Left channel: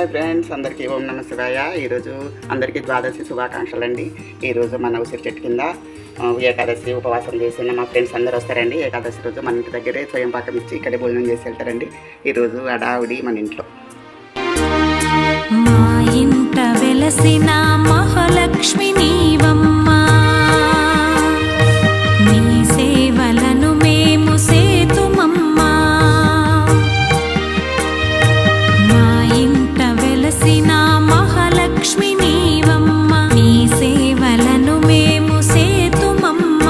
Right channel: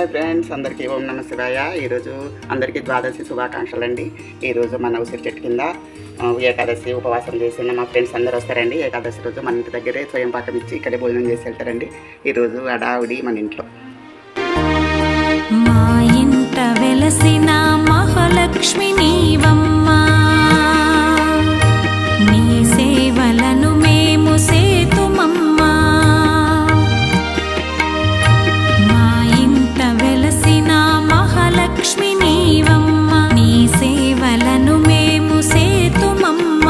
Hi friends అందరికీ ఓం నమ శివాయ. ఈరోజు అందరికీ ద్వాదశి శుభాకాంక్షలు అండి ఈరోజు మన ఉసిరి చెట్టు కింద ఏకాదశి ఉపవాసం చేసిన మా ఫ్రెండ్స్ అందరూ వస్తారండి. ఏకాదశి రోజు మన ఇంటి దగ్గరే స్వయం పాకం ఇచ్చి ఇక్కడే భోజనం చేసి వెళ్తారండి. ఈరోజు అడావుడి మన ఇంట్లో. మా ఇంట వెలసిన మహాలక్ష్మి నీవమ్మా. నీ సేవలను మేము సేతుమమ్మా. ఇంట వెలసిన మహాలక్ష్మి నీవమ్మ. నీ సేవలను మేము సేతుమమ్మ.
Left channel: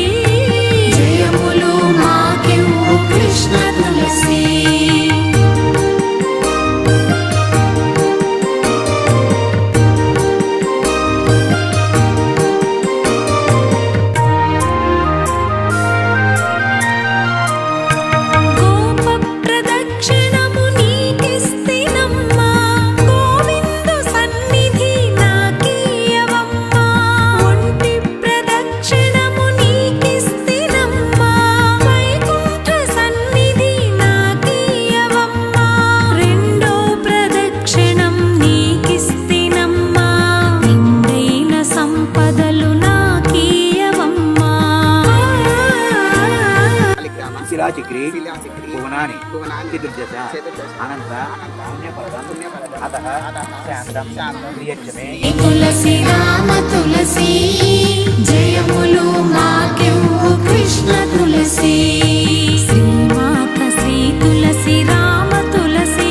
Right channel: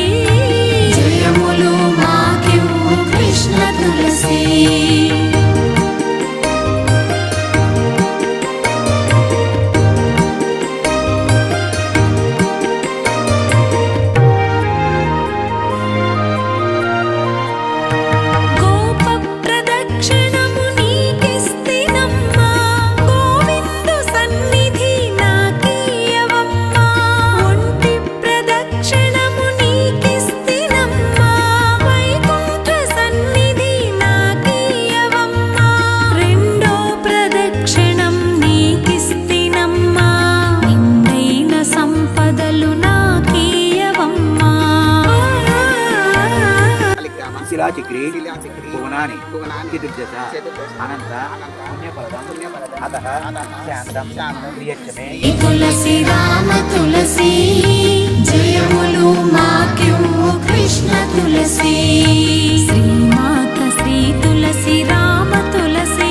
శిలాచక్రి భువనాని భువనాని, చతుర్దశ అనంత పుణ్యఫలదం పుణ్యఫలదం, అతః అతః శాంతం శాంతం, ప్రియచ్చమే ఈ తులసి రామ తులసి జయములు మాకెవ్వు కృష్ణ తులసి. శ్రీమాత శ్రీ తులసి రామ తులసి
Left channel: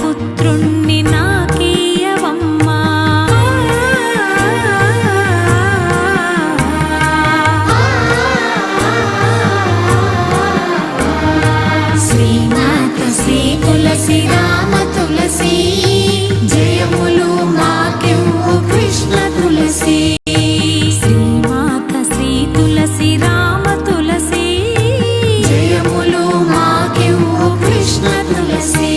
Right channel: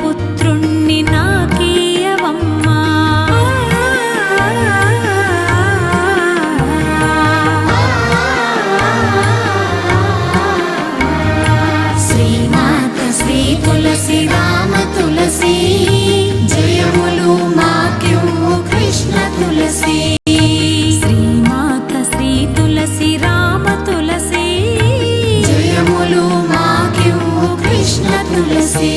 పుత్రుణ్ణి నాకీయవమ్మా శ్రీనాథ శ్రీ తులసి రామ తులసి జయములు మాకెవ్వు కృష్ణ తులసి. శ్రీమాత శ్రీ తులసి రామ తులసి జయములు మాకెవ్వు కృష్ణ తులసి.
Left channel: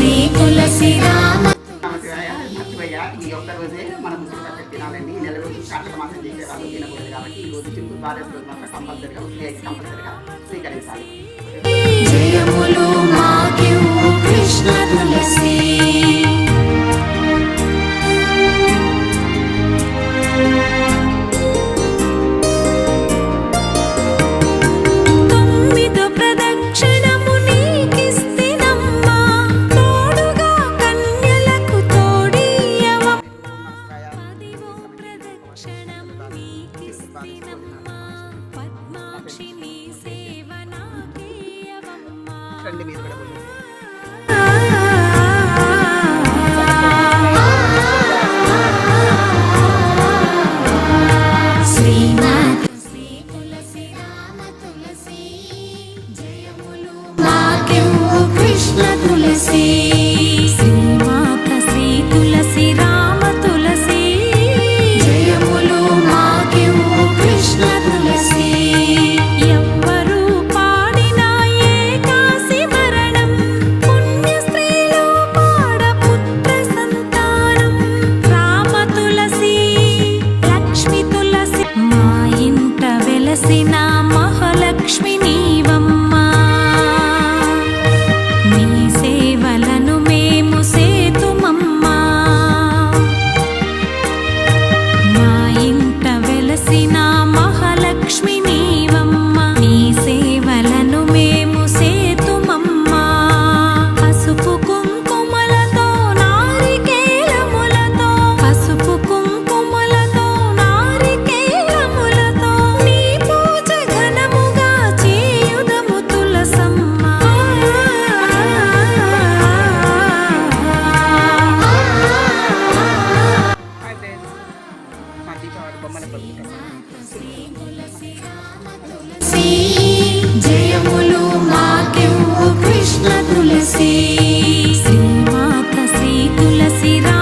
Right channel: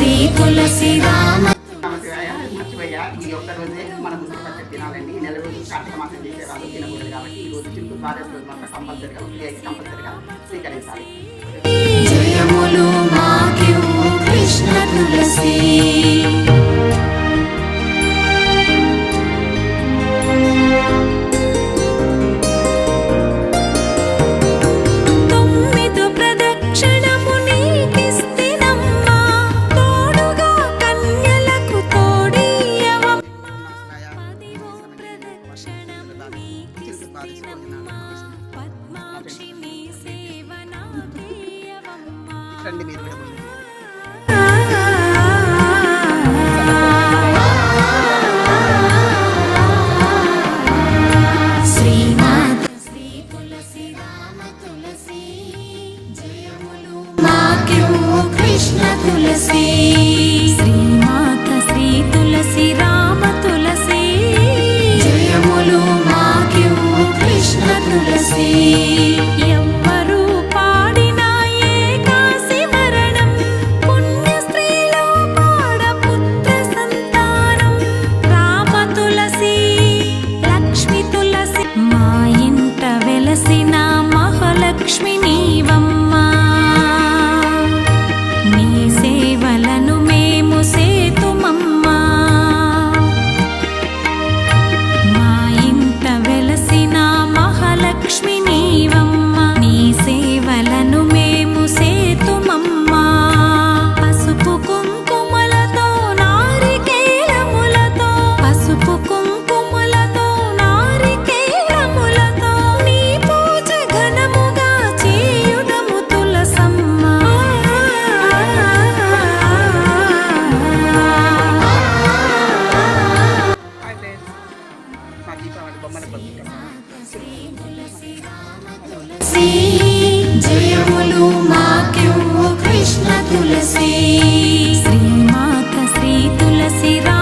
శ్రీ తులసి రామ ఈ ఒక్క రోజే మనం ఉసిరి పచ్చడి తినాలండి నెల రోజులు కార్తీక మాసం చేసే తినకూడదు కాబట్టి ఈ రోజు చుట్టూ ద్వాదశి రోజు మాత్రం కంపల్సరిగా ఉసిరి అయితే కంపల్సరిగా స్వీకరించాలి. రండి మీరు కూడా కృష్ణ తులసి. శ్రీమాత శ్రీ తులసి రామ తులసి. சிரா